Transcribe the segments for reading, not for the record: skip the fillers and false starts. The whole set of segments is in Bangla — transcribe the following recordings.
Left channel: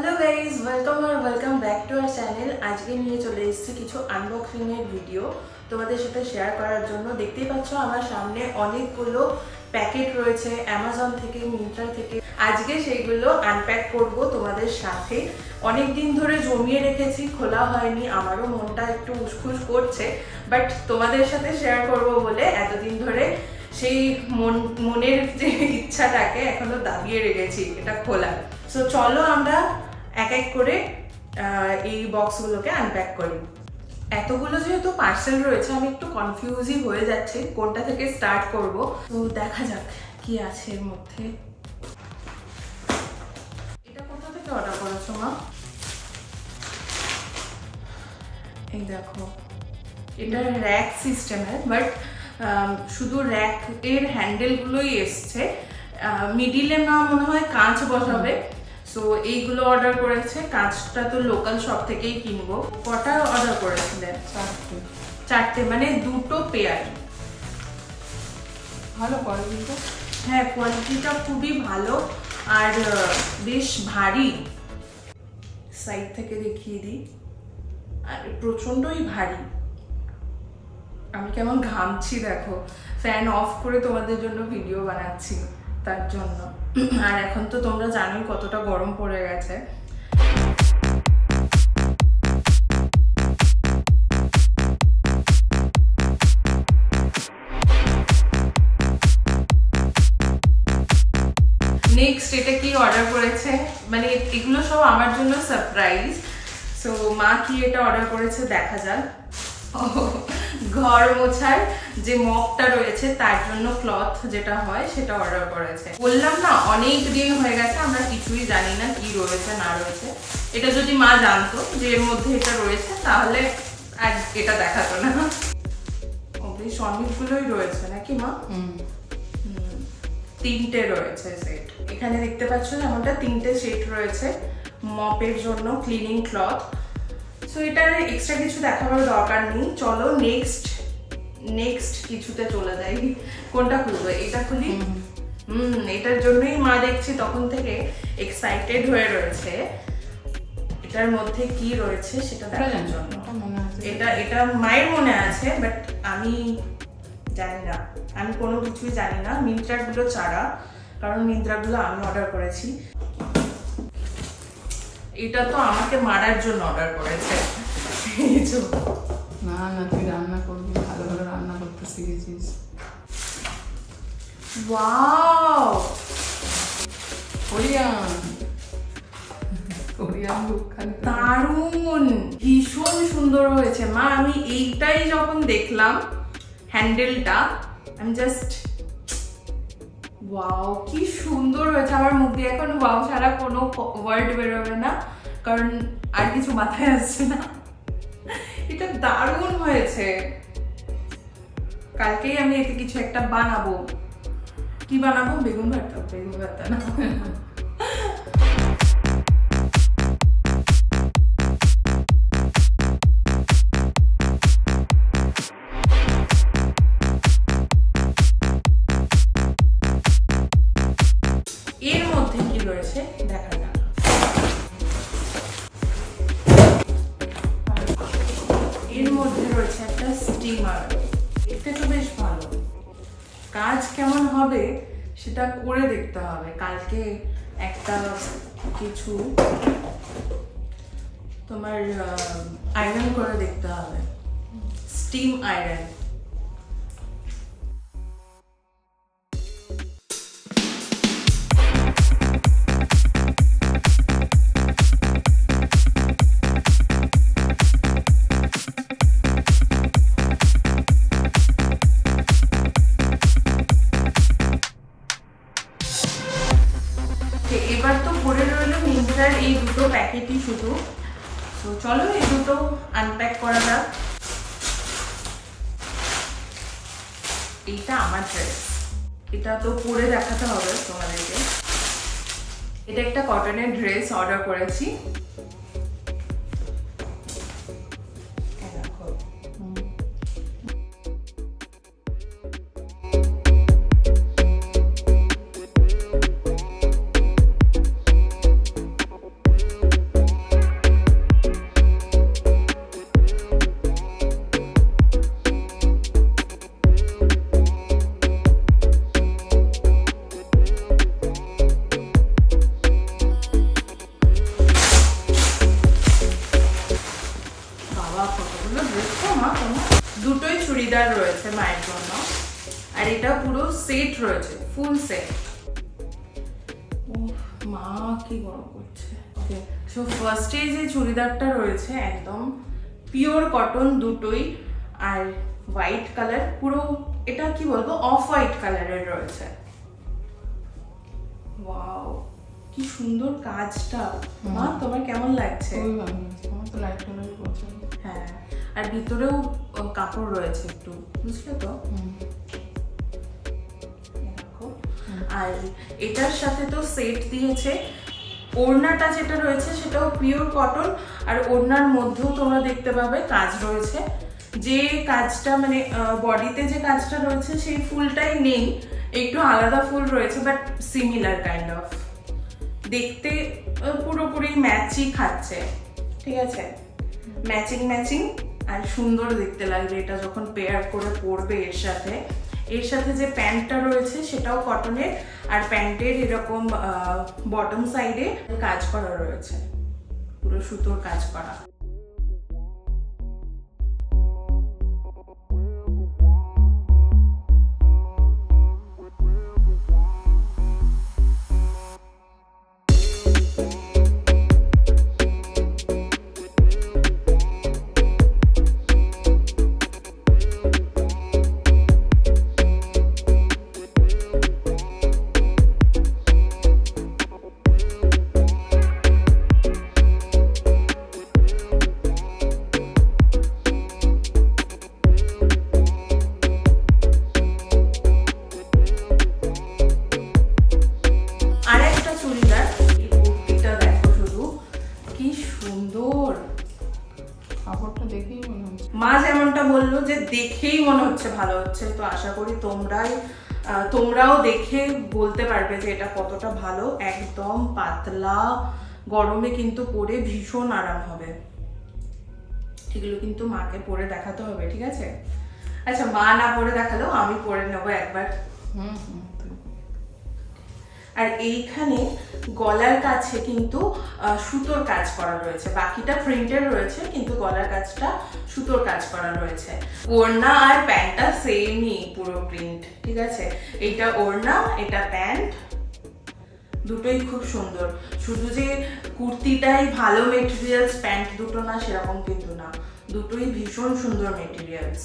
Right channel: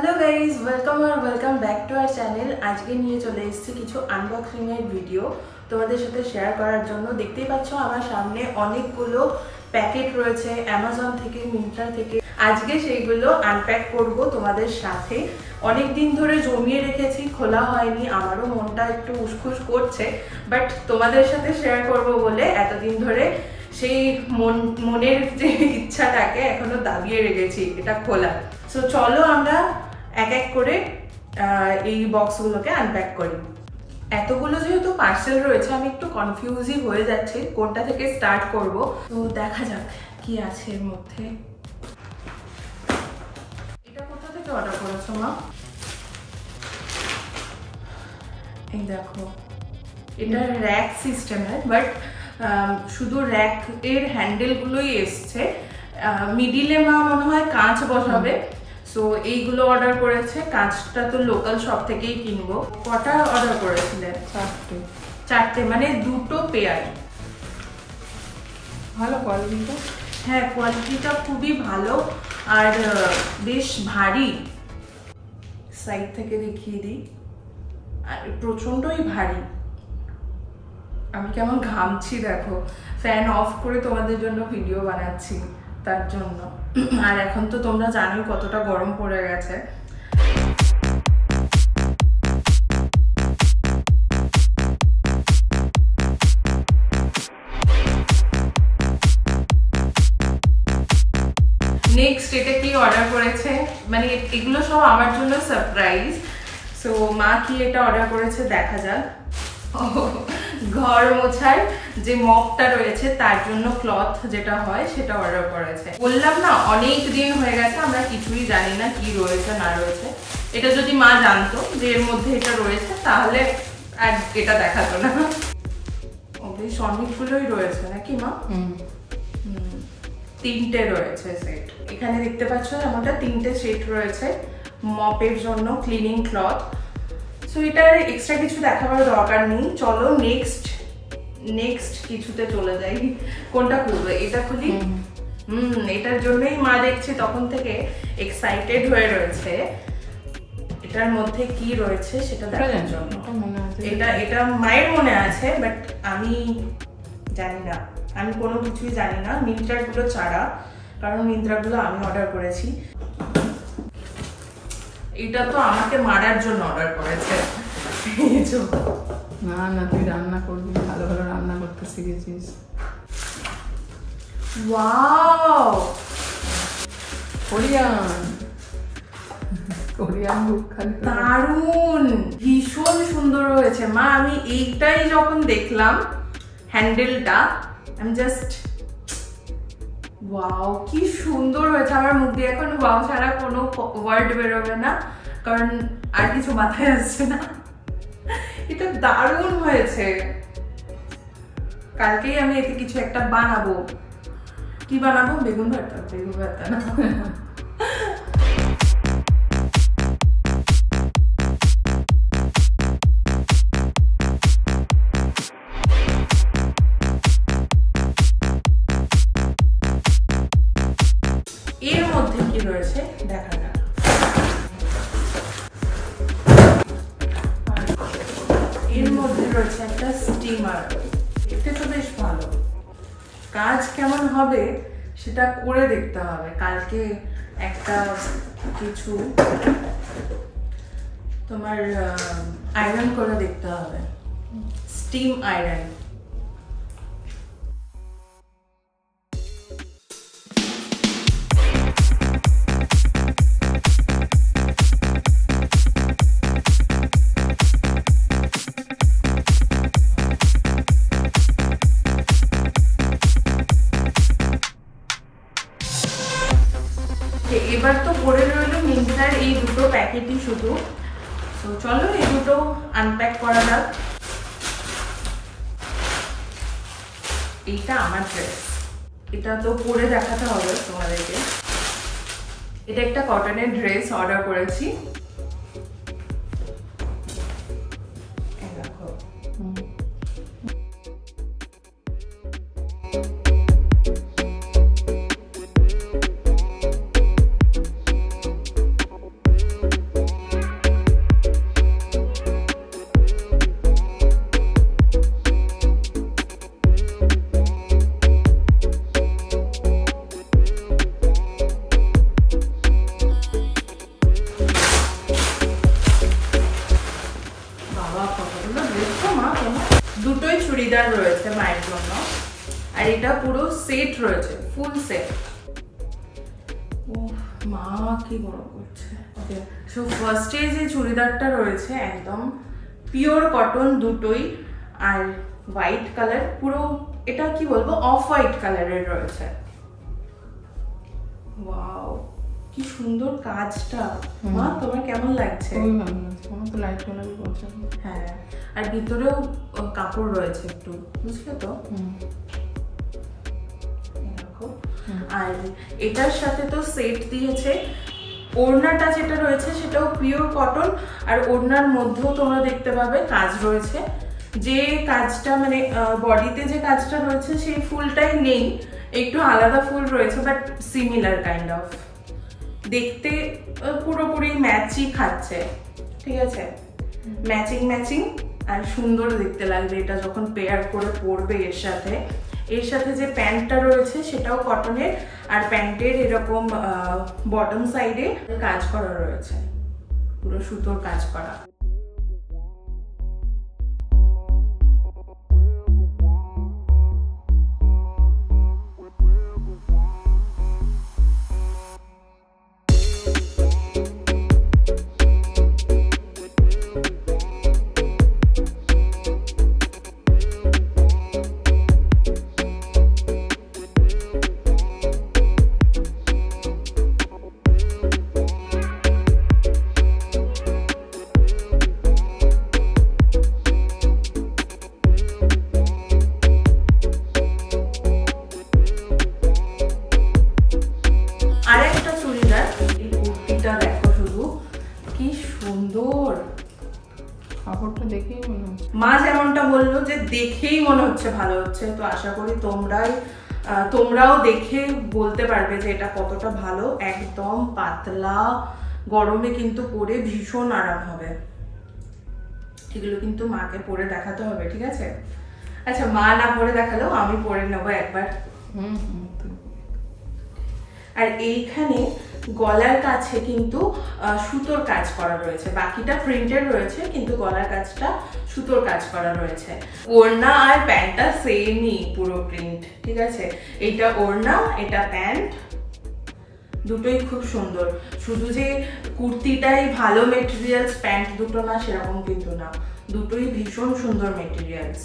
Hello guys welcome back to our channel. आज के নিয়ে চলে এসেছি কিছু আনবক্সিং এর ভিডিও তোমাদের সাথে শেয়ার করার জন্য। দেখতেই পাচ্ছ আমার সামনে অনেকগুলো প্যাকেট রয়েছে অ্যামাজন থেকে, মিন্ত্রা থেকে। আজকে সেইগুলো আনপ্যাক করব তোমাদের সাথে। অনেক দিন ধরে জমিয়ে রেখেছি, খোলা হয়নি, আমারও মনটা একটু উসখুস করছে, বাট তোমাদের সাথে শেয়ার করব বলে এতদিন ধরে সেই মনের যে ইচ্ছাটাকে এখনো দাবিয়ে রেখেছি এটা খোলা। সো চলো আমরা এক এক করে এই বক্সগুলোকে আনপ্যাক করি। এতগুলো যেহেতু পার্সেল রয়েছে আমি একটু কনফিউজই হয়ে যাচ্ছি কোনটা থেকে স্টার্ট করব। তো দেখা যাক কি আছে এর মধ্যে। এটা কোথা থেকে অর্ডার করেছো মা? এই দেখো, এটা র্যাক সিস্টেমের, বাট শুধু র্যাক এর হ্যান্ডেলগুলোই এসছে। মিডিলে মা মনে হয় কাঁচ বসাবে, সো এইগুলো অর্ডার করেছে। কাঁচটা তো লোকাল শপ থেকেই কিনবো। কটা অর্ডার করেছিলেন? চারটে, মানে দুটো পেয়ার। ভালো কোয়ালিটিটা? হ্যাঁ, কোয়ালিটিটা খুবই ভালো আর বেশ ভারী। সাইড থেকে দেখিয়ে দিই, আর প্রচন্ডই ভারী। আমি কেমন ঘামছি দেখো, ফ্যান অফ করে তোমাদের জন্য ভিডিও বানাচ্ছি তার জন্য। আর এখন তো তোমরা জানোই কতটা গরম পড়ে গেছে। নেক্সট এটা কি অর্ডার করেছে, মানে এগুলো সব আমার জন্য সারপ্রাইজ। সো মা কি এটা অর্ডার করেছে দেখা যাক। ঘর মোছার যে মপটা রয়েছে তার জন্য ক্লথ যেটা হয় সেটা অর্ডার করেছে। বললাম না অনেক দিন হয়ে গেছে, আমরা কিছুই জানি না কি রয়েছে না রয়েছে। এটা যদি মা জানতো যে এর মধ্যে এটা রয়েছে তাহলে আর এটা দেখাতো না। বেশ অনেকগুলোই রয়েছে নাকি মা? তিনটে রয়েছে সেট। এখানে দেখতে পাচ্ছ যেমনটা তিনটে সেট রয়েছে মপের জন্য, ক্লিনিং ক্লথ। সো এটার এক্সট্রা কিছু দেখাবার দরকার নেই। চলো নেক্সট কিছুতে চলে যাই। কোনটা খুলবো? এটা খুলি। এটার জন্যই মা দেখছি তখন থেকে এক্সাইটেড হয়ে রয়েছে। এটার মধ্যে কি রয়েছে সেটা দেখার জন্য। এটা মায়ের মনে আছে, বাট আমি জানি না, আমি কোনো কিছুই জানি না মিন্ত্রাগুলো ছাড়া, কারণ মিন্ত্রাগুলো আমি অর্ডার করেছি। এটা তো আমাকে মারার জন্য অর্ডার করেছে। না না, তুই রান্না করবি, ভালো ভালো রান্না করতে শিখেছিস। ওয়াও, কোরিয়ান দারুন, ভীষণ সুন্দর হয়েছে মা। আমি এইটাই যখন দেখলাম হ্যান্ডেলটা, আমি জাস্ট ওয়াও, কি সুন্দর হয়েছে। আমার মুখ দিয়ে এখন ওয়াও ছাড়া কোনো ওয়ার্ড বেরোবে না, কারণ আর কিছু মাথায় আসছে না। এটা দারুণ হয়েছে। কালকেই আমি এতে কিছু একটা বানাবো। কি বানাবো? বেগুন ভর্তা না। এর মধ্যে কি রয়েছে দেখা যাক। এর মধ্যে রয়েছে একটা স্টিমার। এটা তো বেশ ভালো। কাজ কেমন হবে সেটা করে দেখতে হবে। কালকে একটা কিছু তোমার আয়রন করে দেখতে হবে, স্টিম আয়রন। এবার তো পড়ে রইল মিন্ত্রার এই দুটো প্যাকেটই শুধু। তো চলো এই দুটো আনপ্যাক করা যাক। এইটা আমার ড্রেস, এটা তো পরে দেখাতে হবে তোমাদেরকে। এটা একটা কটনের ড্রেস অর্ডার করেছি। চুড়িদার রয়েছে মায়ের জন্য, আর এটা পুরো সেট রয়েছে, ফুল সেট। ও মা কি গরম করছে। ওকে, সো ফার্স্টে যে চুড়িদারটা রয়েছে একদম পিওর কটন দুটোই, আর হোয়াইট কালার, পুরো এটা কি বলবো অফ হোয়াইট কালারের রয়েছে। ওয়াও কি সুন্দর কাজটা। মা তোমার কেমন লাগছে? খুবই ভালো লাগছে, আমার তো লাইট কালারই পছন্দ। হ্যাঁ, আর ভিতরেও কাপড় রয়েছে একটু, বুঝলে তো? দেখো, আর এটার সাথে তো সেট দিয়েছে। ওড়নাটা যেটা রয়েছে সেটাও পিওর কটন, আর ওড়নার মধ্যেও তোমরা দেখতে পাবে কাজ রয়েছে। যে কাজটা মানে বডিতে যে কাজটা রয়েছে সেই ফুলটাই নেই, একটু আলাদা ফুল রয়েছে, বাট সিমিলার কাইন্ড অফ। দেখতে পুরোপুরি ম্যাচই খাচ্ছে, ঠিক আছে? ম্যাচিং ম্যাচিং, আর সুন্দর দেখতে লাগবে এটা যখন পেয়ার করে পরবে এর সাথে। এর সাথে যে প্যান্টটা রয়েছে সেটাও কটনের, আর প্যান্টের এরকম বটম সাইডে কাজ করা রয়েছে, পুরো সুতোর কাজ করা। আর একটা চুড়িদার, এই কুর্তিটা দেখো শুধু কি সুন্দর। কাপড়টা দেখেই মনে হচ্ছে, মা যেমনটা বললো যে দেখেই মনে হচ্ছে ভালো হচ্ছে, তো আশা করি তোমরাও দেখে বলতে পারবে যে এটা কতটা ভালো। একদম পাতলা, গরমে কিন্তু পরে ভীষণ আরাম হবে। এগুলো কিন্তু মাকে পরে দেখাতে হবে, ঠিক আছে? আচ্ছা, মা না পরে দেখালেও আমি পরে নেবো একবার। আর এইখানে গলার কাছে কিন্তু সুতোর কাজ করা রয়েছে, বাকিটা প্রিন্টের রয়েছে, কিন্তু গলার কাজটা সুতোর কাজ করা রয়েছে। ওড়না আর প্যান্টটা সেমই, পুরো প্রিন্ট, ঠিক আছে? এইটা ওড়না, এটা প্যান্ট, দুটোই খুব সুন্দর। শুধু যে কুর্তিটাই ভালো মেটেরিয়ালস, প্যান্ট দুটো না সেরকম কিন্তু না, দুটোই ভীষণ সুন্দর মেটেরিয়ালস।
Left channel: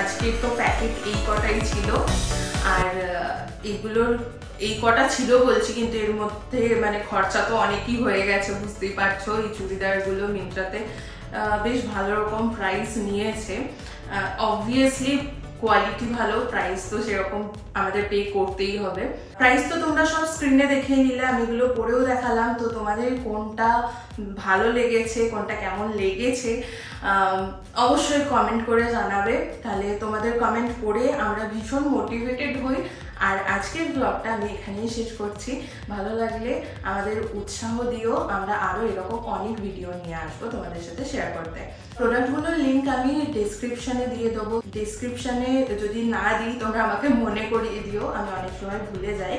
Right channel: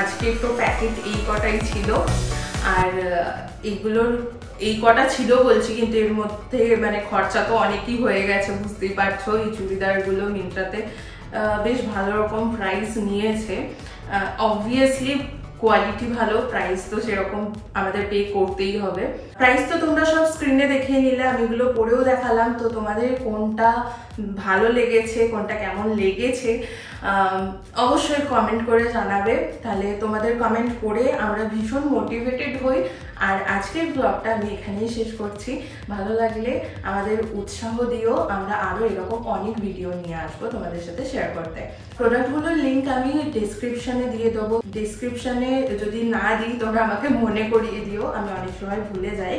আজকে তো প্যাকেট এই কটাই ছিল, আর এগুলোর এই কটা ছিল বলছি, কিন্তু এর মধ্যে মানে খরচা তো অনেকই হয়ে গেছে, বুঝতেই পারছো। এই চুড়িদারগুলো মিন্ত্রাতে বেশ ভালো রকম প্রাইস নিয়েছে। অবভিয়াসলি কোয়ালিটি ভালো, প্রাইস তো সেরকম আমাদের পে করতেই হবে। প্রাইস তো তোমরা সব স্ক্রিনে দেখিয়ে নিলে, আমি এগুলো পরেও দেখালাম। তো তোমাদের কোনটা ভালো লেগেছে, কোনটা কেমন লেগেছে অবশ্যই কমেন্ট করে জানাবে, তাহলে তোমাদের কমেন্ট পড়ে আমরা ভীষণ মোটিভেটেড হই। আর আজকের ব্লগটা আমি এখানেই শেষ করছি। ভালো লাগলে আমাদের উৎসাহ দিও, আমরা আরও এরকম অনেক ভিডিও নিয়ে আসবো তোমাদের সাথে শেয়ার করতে। প্রোডাক্টগুলোর লিঙ্ক আমি ডেসক্রিপশনে দিয়ে দেবো, ডেসক্রিপশনে যদি না দিই তোমরা আমাকে মনে করিয়ে দিও, আমি অনেক সময় ভুলে যাই।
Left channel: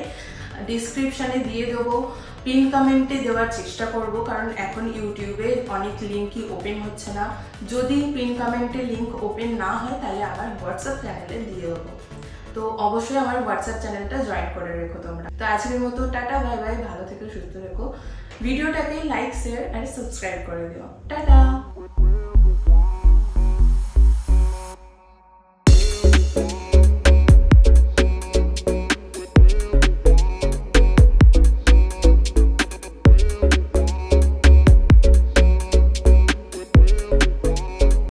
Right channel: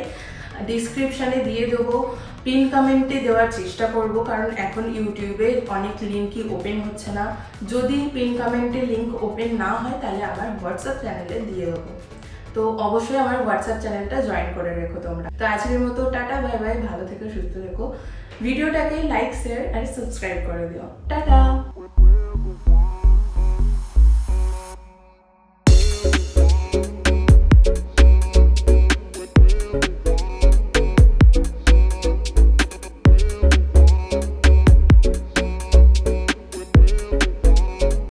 ডিসক্রিপশনে দিয়ে দেবো, পিন কমেন্টে দেওয়ার চেষ্টা করব, কারণ এখন ইউটিউবে অনেক লিঙ্কই ওপেন হচ্ছে না। যদি পিন কমেন্টে লিঙ্ক ওপেন না হয় তাহলে আমার হোয়াটসঅ্যাপ চ্যানেলে দিয়ে দেবো। তো অবশ্যই আমার হোয়াটসঅ্যাপ চ্যানেলটা জয়েন করে রেখো তোমরা। তো আজকের মতো টাটা, বাই বাই, ভালো থেকো, সুস্থ থেকো। ভিডিওটাকে লাইক, শেয়ার আর সাবস্ক্রাইব করে দিও। টাটা।